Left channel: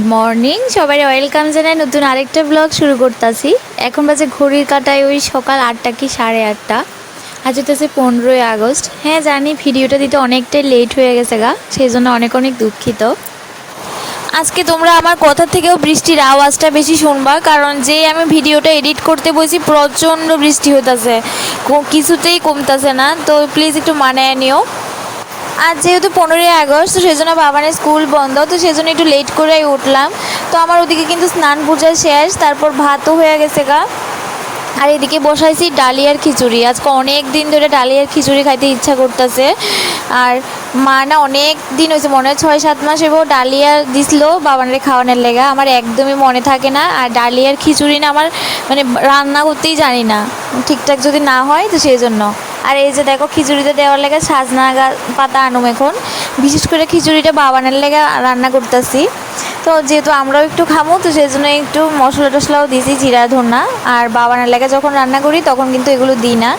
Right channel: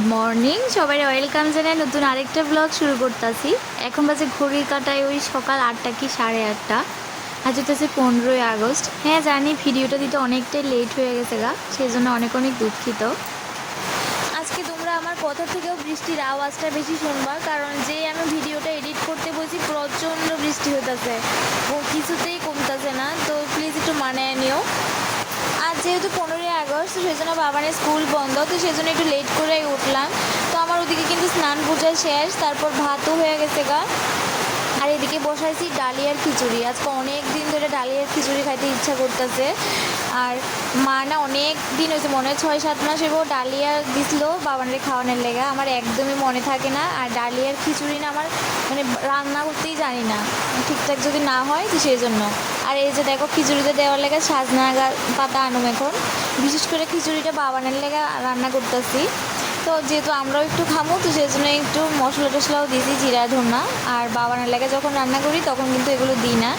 Good morning সবাই, welcome জানাই নতুন আরেকটা ব্লগ শুরু করতেছি। এখন বাজে ঘড়ির কাঁটায় ওই সকাল 8টা কি 8:30। আজ হচ্ছে 15ই আগস্ট। হ্যাঁ জানি ভিডিওটা দিতে অনেকটাই লেট হয়ে গেছে গা, সেই জন্য অনেক অনেক দুঃখিত। আজকে তোমরা আমার কথা থেকেও বৃষ্টির আওয়াজটা বেশি শুনবা, কারণ যেই আমি ভিডিওটা এডিট করতে বসি প্রচণ্ড বৃষ্টি হইতেছে, কিছুতেই কমতেছে না। তো প্লিজ একটু মানায় নিও। আজ যেহেতু 15ই আগস্ট, তো সেই জন্য বাবানের স্কুল বন্ধ, তো সেই জন্য একটু লেট করেই উঠলাম। তো আমার ওদিকে কিন্তু স্নান পূজা শেষ, তারপর ভাতও হয়ে গেছে গা। আর এদিকে বসাইছি ডালিয়ার খিচুড়ি। আজকে অনেক দিন ধরে ডালিয়ার খিচুড়ি খাইতে ইচ্ছা করতেছে। আর মা না অনেক দিন হয়েছে, মনে হয় 6-7 মাস এবার ডালিয়া দিছিল বাবানের খাওয়ানোর লেগা। আমার একদমই মনে থাকে না। আর ডালিয়ার খিচুড়ি না আমার মানে রান্না করতেই জানি না ঠিকঠাক যদি না হয়, তো সেই জন্য। আর এই যে দেখো খিচুড়িতে দেওয়ার লেগে সাজনা পাতা আনুম এখন। বিশেষ করে খিচুড়িটা বাবানের লেগে রান্না করতেছি। তো যেহেতু আমরাও একটু খামো, তো সেই জন্য একটু মশলা টশলাও দিছি, জিরা ধন্যা। আর বাবানের লেগে যখন রান্না করি তখন কিন্তু এগুলো দিই না।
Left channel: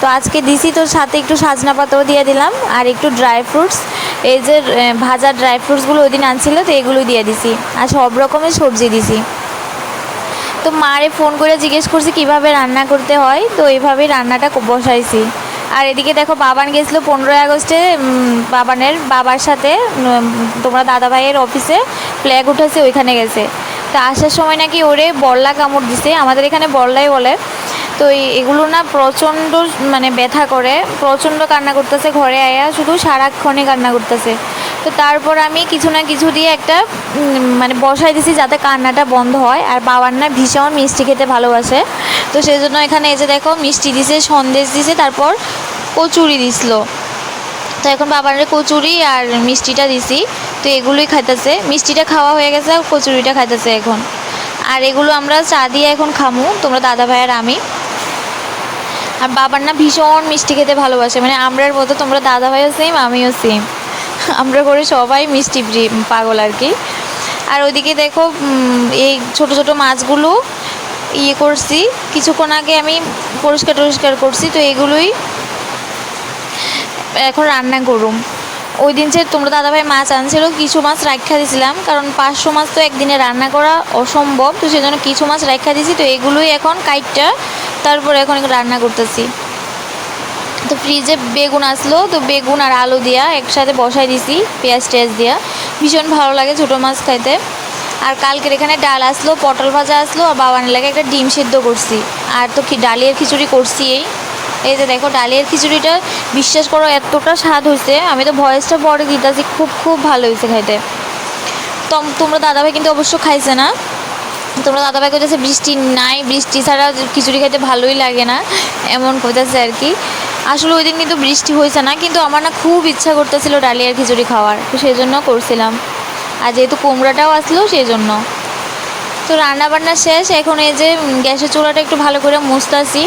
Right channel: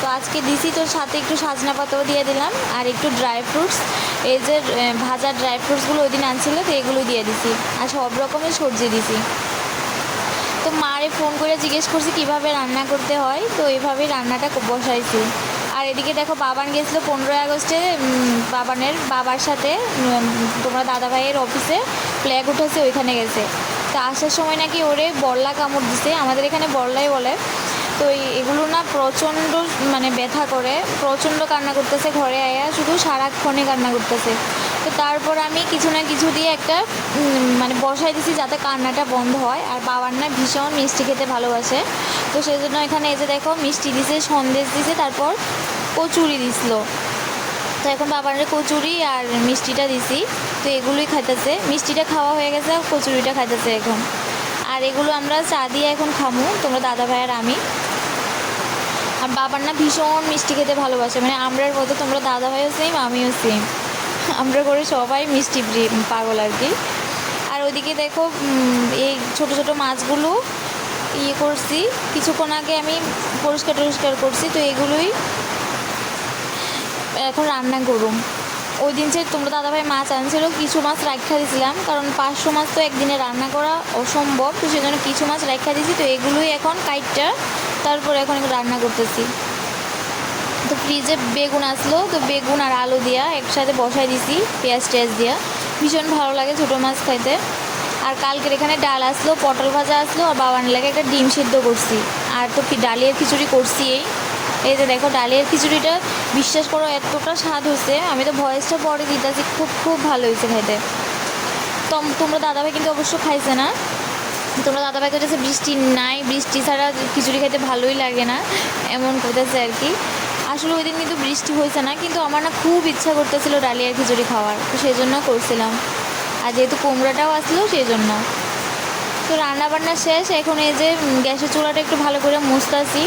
তো আজকে দিছি, তো সাথে একটু সাজনা পাতাও দিয়ে দিলাম আর একটু ড্রাই ফ্রুটস, এই যে ভাজা ড্রাই ফ্রুটসগুলো ওই দিন আনছিল, তো এগুলোই দিয়ে দিছি। আর সব রকমের সবজি দিছি। তো মারে ফোন করে জিজ্ঞেস করছি কীভাবে রান্না করতে হয়, তো এইভাবেই রান্নাটা বসাইছি। আর এদিকে দেখো বাবান গেছিলো 15ই আগস্টে বাবানের বাবার সাথে তোমরা দাদা ভাইয়ের অফিসে ফ্ল্যাগ উঠেছে, ওইখানে গেছে। তো আসার সময় নাকি ওরে বল্লা কামড় দিছে, আমাদের এখানে বল্লাই বলে। তো এগুলো না প্রচণ্ড মানে ব্যথা করে, প্রচণ্ড কান্না করতেছে, ঘরে আয়া শুধু সারাক্ষণই কান্না করতেছে। তো তারপর আমি কিছু না কিছু দিয়ে একটা মানে বসাই দিছি যাতে কান্নাটা বন্ধ হয়। আর বাবার না ভীষণ মিষ্টি খেতে ভালোবাসে, তো সেই জন্য এখানে এই যে দেখো মিষ্টি দিছে, সন্দেশ দিছে, তারপর কচুরি দিছিল। তো এখন বাবার কচুরি আর মিষ্টিটা দিছি, তো এগুলোই খাইতেছে। মিষ্টিটা খাওয়া হয়ে গেছে, কচুরিটা খাইতেছে এখন। আর এগুলো আমরা চা দিয়ে এখন খামু, তোমরা দাদা ভাই আর আমি। আর বাবার না ভীষণ মিষ্টি খেতে ভালোবাসে, মানে আমরার মতো, তোমরা দাদা ভাইও সেম আমিও সেম, আমরা করে সবাই মিষ্টি পাগল আর কি। আর ওইদিকে দেখো এই ছোট ছোট মাছগুলো ইয়ে করছি, কিছুক্ষণ আগে আমি পরিষ্কার করছি, তো এগুলোই এখন রান্না করুম। ওই দিন যে তোমরা দাদাভাই মাছ আনছিল, কিছু মাছ রাখা দিয়েছিলাম, কারণ 500 মাছ তো একদিনে রান্না করা অসম্ভব, তো সেই জন্য কিছু মাছ রাখা দিয়েছি। তো এগুলোই এখন কাইটটা তারপর এখন রান্না করতেছি। তো ফ্রিজে বেগুন আসলো, তো বেগুন আর আলু দিয়া একসাথে বসাই দিছি, পেঁয়াজ টেয়াজ দিয়া। ভীষণ ভালো লাগে ছোটো মাছ খাইতে। আর কালকের এখানে ডাল আসলো, পটল ভাজা আসলো, আর বাবানের লাগে একটা ডিম সিদ্ধ করছি। আর তো কি ডালিয়ার খিচুড়ি করছি। এই যে দেখো ডালিয়ার খিচুড়িটা বিশ্বাস করো এতটা স্বাদ হয়েছে, আমি তো ভয়েসটা পরে দিতেছি, খুব খুব ভালো হয়েছে খাইতে। তোমরা দাদাভাই কিন্তু অবশ্য খাইছে না। তোমরা দাদাভাই কইতেছে বৃষ্টি নাই, বৃষ্টি ছাড়া খিচুড়ি খাইতে ভালোই লাগে না, এমন কইতেছে আর কি। আসলে ওই দিন কিন্তু বৃষ্টি হয়েছে না, কিন্তু আমার না খুব ইচ্ছা করতেছিল ডালিয়ার খিচুড়ি খাওয়ার, তো সেই জন্য করছিলাম। আর যেহেতু কুমড়াটাও আসলো সেই জন্য। তো রান্না বান্না শেষ, এখন এই যে গ্যাসের চুলাটা একটু ভালো করে মুছতাছি।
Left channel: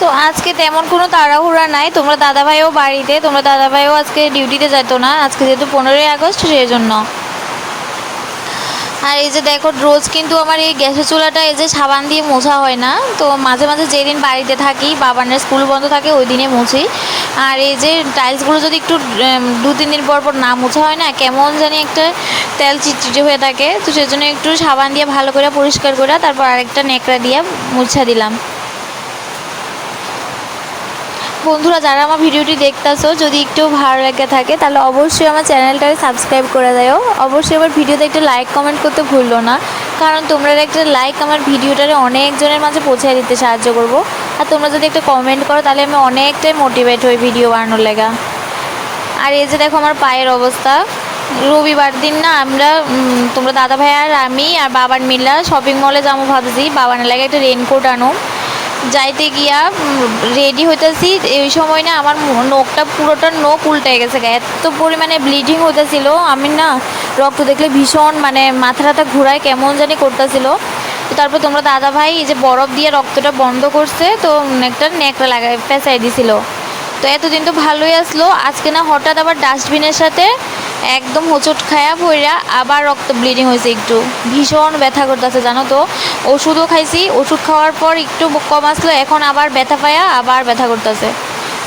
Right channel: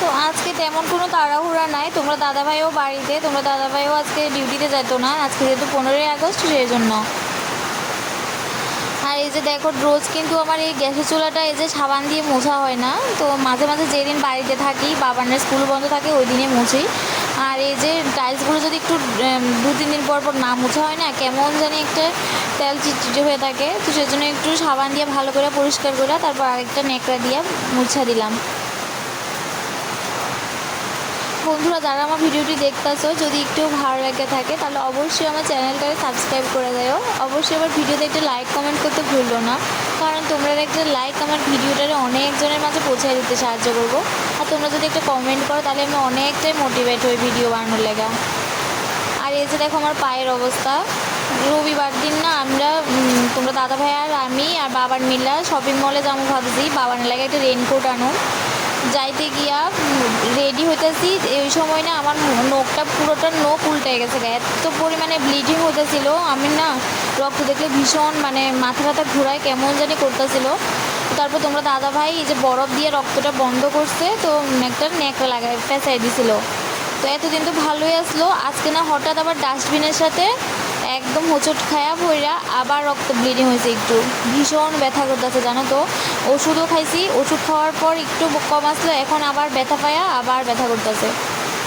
তো আজকে তেমন কোনো তাড়াহুড়া নাই, তোমরা দাদাভাইও বাড়িতে, তোমরা দাদাভাইও আজকে ডিউটিতে যেত না, আজকে যেহেতু 15ই আগস্ট সেই জন্য। আর এই যে দেখো রোজ কিন্তু আমার এই গ্যাসের চুলাটা এই যে সাবান দিয়ে মোছা হয় না, তো মাঝে মাঝে যেদিন বাড়িতে থাকি, বাবানের স্কুল বন্ধ থাকে, ওই দিনে মুছি। আর এই যে টাইলসগুলো যদি একটু 2-3 দিন পর পর না মোছা হয় না, কেমন জানি একটা তেল চিটচিটে হয়ে থাকে, তো সেজন্য একটু সাবান দিয়ে ভালো করে পরিষ্কার করে তারপর আরেকটা ন্যাকড়া দিয়ে মুছা দিলাম। বন্ধুরা যারা আমার ভিডিওটি দেখতেছো, যদি একটু ভালো লেগে থাকে তাহলে অবশ্যই আমার চ্যানেলটাকে সাবস্ক্রাইব করে দাও। অবশ্যই আমার ভিডিওতে একটা লাইক কমেন্ট করতে ভুললো না, কারণ তোমরা একটা লাইক আমার ভিডিওটারে অনেকজনের মাঝে পৌঁছে দিতে সাহায্য করবো। আর তোমরা যদি একটা কমেন্ট করো তাহলে আমি অনেকটাই মোটিভেট হই ভিডিও বানানোর লেগা। আর এই যে দেখো আমার পায়ের অবস্থা। রবিবার দিন না আমরা তোমরা দাদা ভাই আর আমি আর বাবার মিলা শপিং মলে যাবো ভাবছি, বাবার লাগে একটা রেনকোট আনো। যাইতে গিয়া রেডি হইতেছি, এই সময় না আমার নখটা পুরোটা নখ উল্টে গেছে, এত পরিমাণে ব্লিডিং হইতেছিল, আমি না রক্ত দেখলে ভীষণ মানে মাথা ঘুরায় কেমন জানি করতেছিল। তো তারপর তোমরা দাদা ভাই এই যে বরফ দিয়ে রক্তটা বন্ধ করছে, তো একটা ন্যাকড়া লাগাই পেঁচাই দিছিল। তো এতদিন তো ভালোই আসলো, আজকে না হঠাৎ আবার ডাস্টবিনের সাথে একদম হোঁচট খায়া পইরা আবার রক্ত ব্লিডিং হয়েছে, একটু ভীষণ ব্যথা করতেছে জানো তো। ওষুধও খাইছি, ওষুধ খাওয়ার পর একটু কম আসলো, এখন আবার ব্যথা পায়া আবার ব্যথা করতেছে।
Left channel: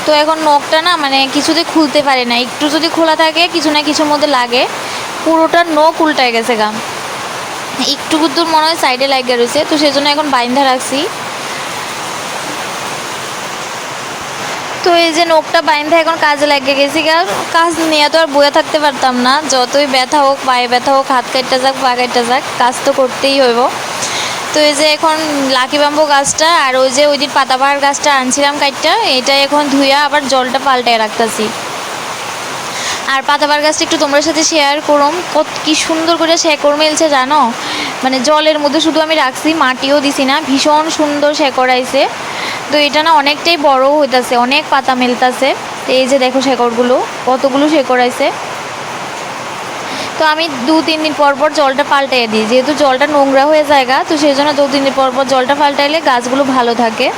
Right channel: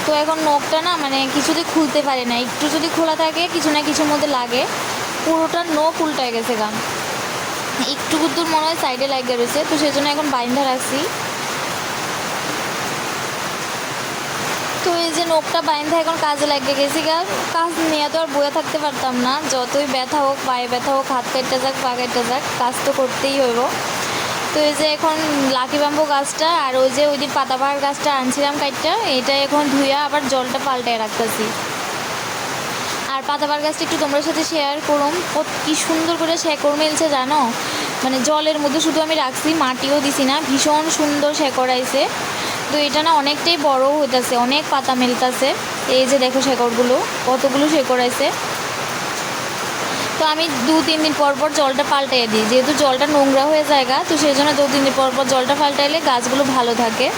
তো এখন নখটা না মানে কিছুতে খুলতে পারে না, একটু যদি খোলা থাকে কিছু না কিছুর মধ্যে লাগে, পুরোটা নখ উল্টায় গেছে গা, একটু দূর মনে হয় সাইডে লাগিয়ে রয়েছে, তো সেজন্য এখন বাইন্ধা রাখছি। তো এই যে নখটা বাইন্ধা এখন কাজে লাগিয়ে গেছি, কাজ নিয়ে তো আর বয়ে থাকতে পারতাম না, যতই ব্যথা হোক, পায়ে ব্যথা হোক, হাত কাটতে যাক, পা কাটতে যাক, কাজ তো করতেই হইব। তো এই যে এখন লাকি বাম্বু গাছটা আর ওই যে ওই দিন পাতাবাহার গাছটা আনছিলাম কাটটা, এটা এখন ধুইয়া আবার জলটা পাল্টায় রাখতেছি। আর পাতাবাহার গাছটা একটু তোমার সাথে শেয়ার করুম, কত কি সুন্দর করে শেকড় মেলছে জানো, মানে জলের মধ্যে শুধু আমি রাখছি, মাটিও দিছি না, ভীষণ সুন্দর শেকড় আইছে। তো এটা না অনেকটাই বড় হইতাছে, অনেক পাতা মেলতাছে। এই যে দেখো শেকড়গুলো, কতগুলো শেকড় আইছে। তো আমি 2-3 দিন পর পর জলটা পাল্টাই দিই, যেহেতু জলটা নোংরা হয়ে যায়, তো সেই জন্য 2-3 দিন পর পর জলটা পাল্টাইলে গাছগুলো ভালো থাকে।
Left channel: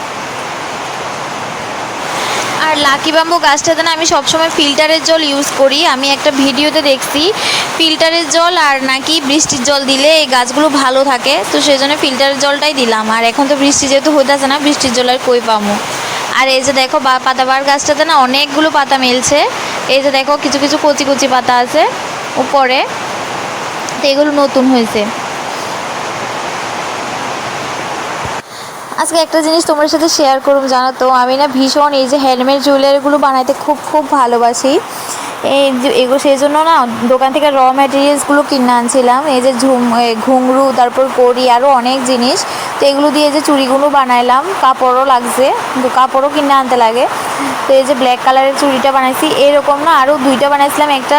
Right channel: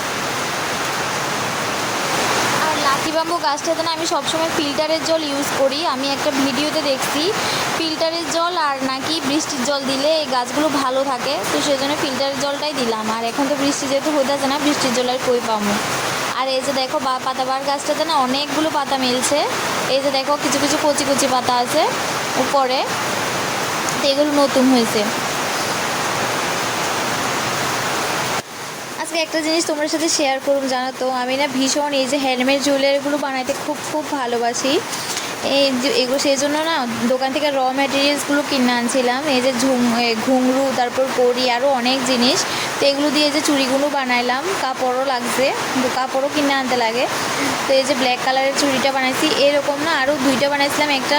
আর লাকি বাম্বু গাছটাতে না আমি সবসময় ফিল্টারের জল ইউজ করি। আমি একটা ভিডিওতে দেখছি ফিল্টারের জল আর নাকি বৃষ্টির জল দিলে এই গাছগুলো ভালো থাকে, তো সেই জন্য ফিল্টারের জলটাই দিলাম। আর এখন তো বৃষ্টি যেহেতু হইতেছে না, বৃষ্টির জল আর কই পামো। আর এই যে দেখো পাতাবাহার গাছটাতে না অনেকগুলো পাতা মেলছে, এই যে দেখো কিছু কিছু কচি কচি পাতা আছে উপরে, তো এগুলো নতুন হয়েছে। আজকে একটা জিনিস তোমার সাথে শেয়ার করুম, জানো তো আমি না ভীষণ এই যে হ্যান্ডমেড জুয়েলারিগুলো বানাইতে খুব খুব ভালোবাসি। এগুলো সেই জন্য না দোকান থেকে র ম্যাটেরিয়ালসগুলো কিনে আনছিলাম, এই যে ঘুঙরু, তারপর কড়ি, আরও অনেক জিনিস। তো এগুলো দিয়ে যে চুড়িগুলো বানাইলাম, কাপড়ও লাগছে, কিন্তু কাপড়ও কিনে আনতে লাগে। তো এই যে ব্ল্যাক কালারের চুড়িটা বানাইছি, এরকম না আরও 2টা বানাইছিলাম, একটা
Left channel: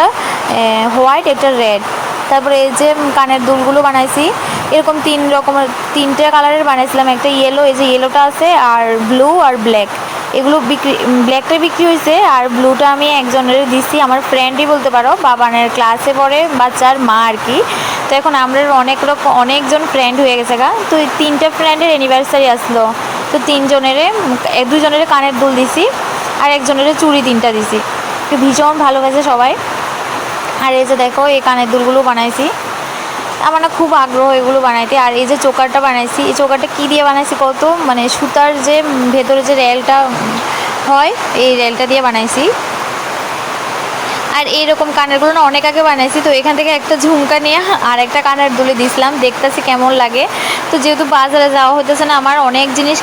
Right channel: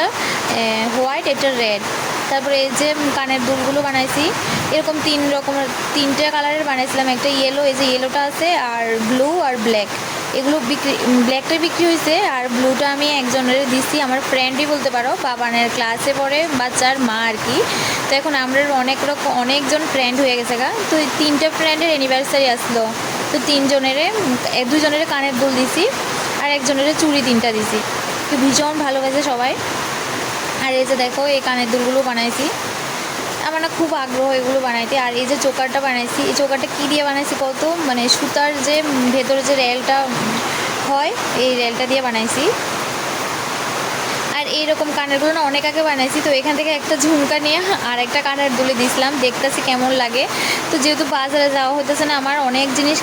হোয়াইট, একটা রেড। তারপরে এই যে কানের দুলগুলো বানাইছি, এরকম 3 কালারের বানাইছিলাম, একটা ইয়েলো, এই যে ইয়েলোটা আছে, আর ব্লু আর ব্ল্যাক। এগুলো ব্ল্যাকটা বিক্রি হয়েছে, আর ব্লুটা আমি একজনের দিছি, আমার ফ্রেন্ডই বলতে পারো, বাবানের ক্লাসে পড়ে বাচ্চার মা আর কি। তো এখন আমরা অনেকজন ফ্রেন্ড হয়ে গেছে তো এই 3টা ফ্রেন্ডের অ্যানিভার্সারি আসলো, তো 2জনের কানের দুল দিছি, আর একজনের চুড়ি 3টা দিছি। তো ভীষণ ভালোবাসে সবাই। আর এই যে দেখো এই কানের দুলগুলো বানাইছি, আমার না খুব আগ্রহ এগুলো বানাইতে। আর এই যে চোকারটা বানাইছি, এই চোকারটা কী দিয়ে বানাইছি কত, মানে সুতার যে ভেতরে যে রেলটা হয়, এই রেলটা দিয়ে বানাইছি। আর এইরকম কানেরগুলো না অনেক আগে বানাইছি, তো এখান থেকে একটা ঝুমকা নিয়ে আর একটা কানের দুলে দিছিলাম, দেখতেছি কেমন লাগে। তো যেহেতু বাজারে যাওয়া হতেছে না, আমার অনেক জিনিস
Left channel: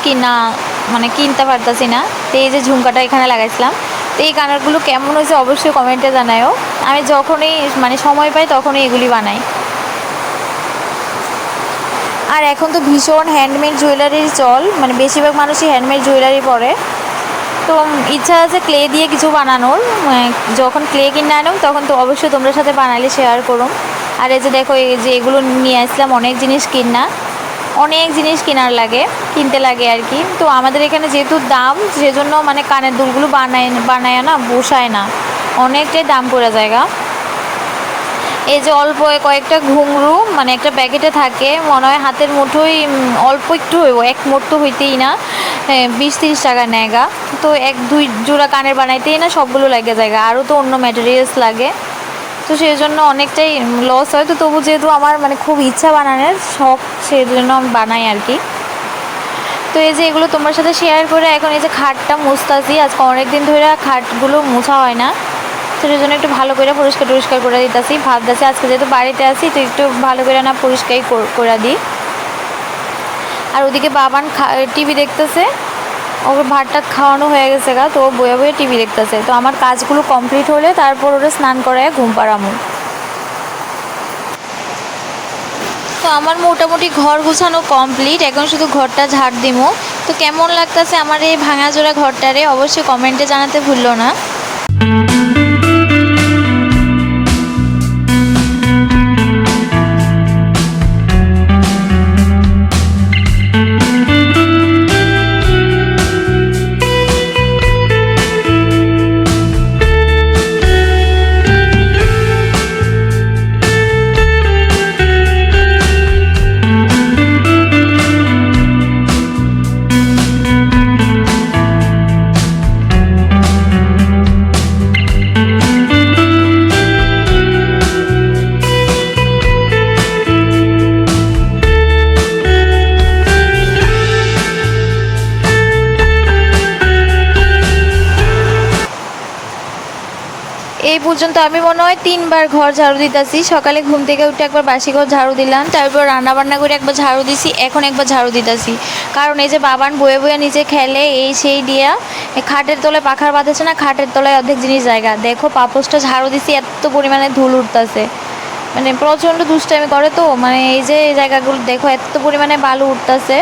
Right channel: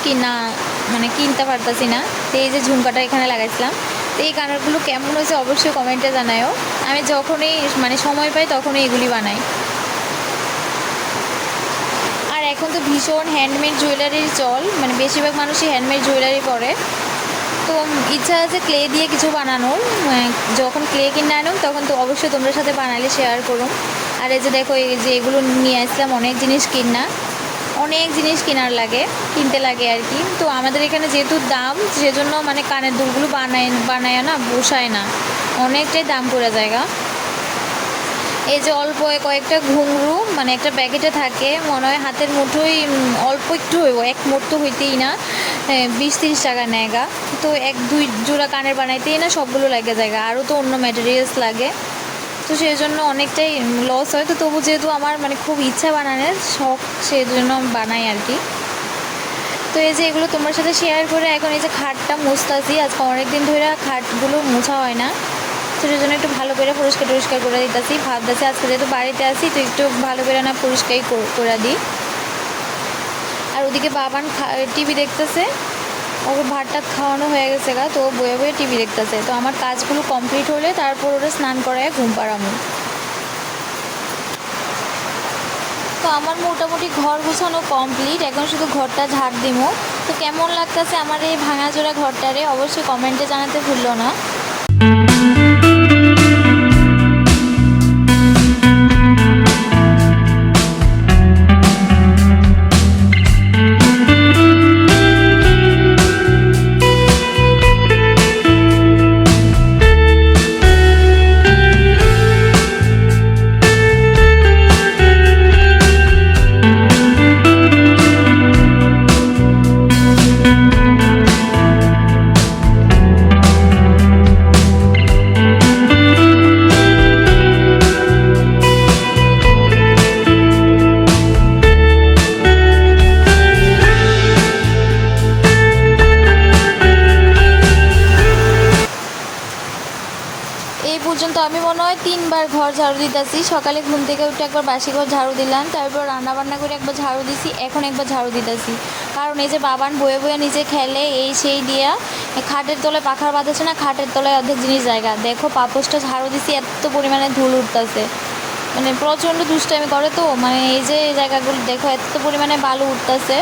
কিনতে পারতেছি না, তো এই যে ঝুমকাটা এখানে লাগাইছিলাম। তো এই কানেরগুলো কেমন হয়েছে অবশ্যই কমেন্টে জানায়ও। আমি যখনই সময় পাই তখনই এগুলি বানাই। আর এখন তো ভীষণ হ্যান্ডমেড জুয়েলারির চল, বেশিরভাগ মানুষই হ্যান্ডমেড জুয়েলারি পরে। তো ইচ্ছা আছে ক্লে দিয়ে কিছু বানানোর, যখন ক্লে কিনে আনো তখন তো অবশ্যই তোমরা সাথে বানালে শেয়ার করুম। আর এই যে দেখো এই যে এগুলো নিয়ে আসলাম, অনেক জিনিস কিনতে লাগে আর কি। তো আমাদের এখানে যেহেতু দাম, সেজন্য কানের দুলগুলো বানায় না, বসায় না, অনেকটাই দাম পড়ে জায়গা। এই যে অল্প কয়েকটা ঘুঙরু একটা প্যাকেটে থাকে, মনে হয় হাতের মুঠোই, অল্প একটু হইব, 1 মোট তো হইতেই না, 20-30 টাকা নেগা। তো 1-2 জোড়া কানের বানাইতেই না সবগুলো লাগে জায়গা, আরও তো অন্য ম্যাটেরিয়ালস লাগে, তো সেই জন্য অনেকটাই লস হয়। তো তবু যেহেতু আমার খুব ইচ্ছা বানানোর শখ, সেই জন্য আমি বানাই আর কি। তো এই যে এগুলো তোমার সাথে শেয়ার করে এখন এই যে খাটটা মুছতাছি, আজকে অনেক দিন ধরে খাটগুলো মোছা হয় না, তো সেই জন্য একটু ভালো করে পরিষ্কার করে দিতেছি। ভাবতেছি আজকে যেহেতু বাড়িতে আছি, তো একটু ভালো করে না পরিষ্কারই করে দিই। আর ওদিকে বাবান টিভি দেখতেছে, ওকে ভাত টাত খাওয়ানো হয়ে গেছে তো বয়ে বয়ে টিভি দেখতেছে। তো আমার কাজগুলো কমপ্লিট হলে তারপর ওরা স্নান করায় ঘুম পাড়ামু। তো আমার মোটামুটি ঘর গুছানো কমপ্লিট, এখন শুধু ঘরটা ঝাড় দিমো। তো কেমন লাগতেছে আমার এই ভাঙাজোড়া ঘরটারে অবশ্যই কমেন্টে জানাতে ভুললো না। পর্যন্ত আমি মনে হয় 3বার ঘর ঝাড়ু দিতেছি। সকালে ঘুম থেকে উঠে একবার বাসি ঘর ঝাড়ু দিলাম, তারপর রান্নাবান্না করে একবার ঝাড়ু দিছি, এখন একবার ঝাড়ু দিতেছি। কারণ এই যে বাবান বয়ে বয়ে নিচে খেলে এই সেই দিয়া খাটের তলায় পাখার বাঁধেছে না, খাটের তলায় অর্ধেক জিনিস জায়গা। দেখো পাপোসটা ঝাড়ু দিছি, এত পরিমাণে ধুল উঠতেছে, মানে প্রচণ্ড দুষ্টামি করে। তো মানে এই যে এই জায়গাগুলো দেখো এত পরিমাণে বালু উঠতেছে।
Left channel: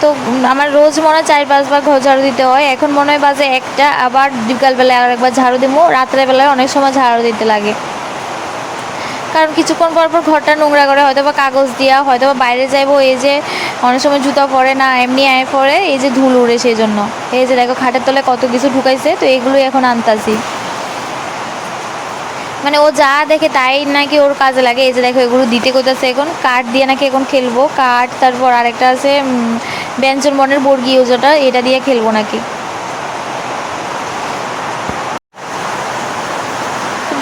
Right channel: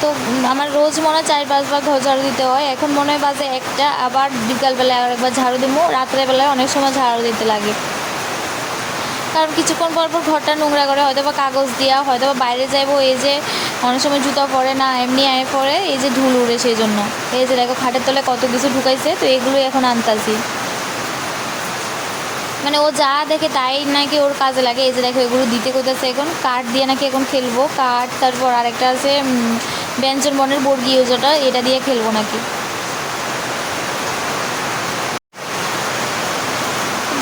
তো আমার রোজ মনে হয় 4-5বার ঘর ঝাড়ু দিতে হয়। এখন মনে হয় বাজে 1টা, আবার বিকালবেলায় আর একবার ঝাড়ু দিব, রাত্রেবেলায় অনেক সময় ঝাড়ু দিতে লাগে। কারণ কিছুক্ষণ পর পর ঘরটা নোংরা করে, হয়তো বা কাগজ দিয়া, হয়তো বা বাইরে যাইবো, এই যে অনেক সময় জুতা পরে না, এমনি আয় পরে, এই যে ধুল উড়ে সেই জন্য। এই যে দেখো খাটের তলায় কত কিছু ঢুকাইছে, তো এগুলোই এখন আনতাছি। মানে ও যা দেখে তাই নাকি ওর কাজে লাগে। এই যে দেখো এগুলো দিতে কইতাছে, এখন কাঠ দিয়ে নাকি এখন খেলবো। কাঠ, তারপর আরেকটা আছে ব্যঞ্জন বর্ণের বর্গি, ওটা এটা দিয়ে খেলবো নাকি।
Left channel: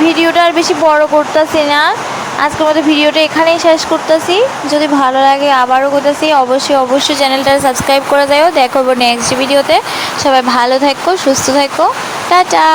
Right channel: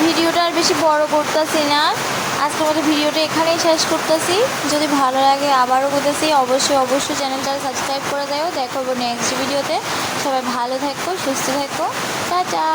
ভিডিওটা আর বেশি বড় করতেছি না, আজকের মতো ভিডিওটা এখানেই শেষ করতেছি। যদি ভালো লাগে আবারও করতেছি, অবশ্যই চ্যানেলটা সাবস্ক্রাইব করে যাও। দেখো নেক্সট ভিডিওতে। সবাই ভালো থাকো, সুস্থ থাকো, টাটা।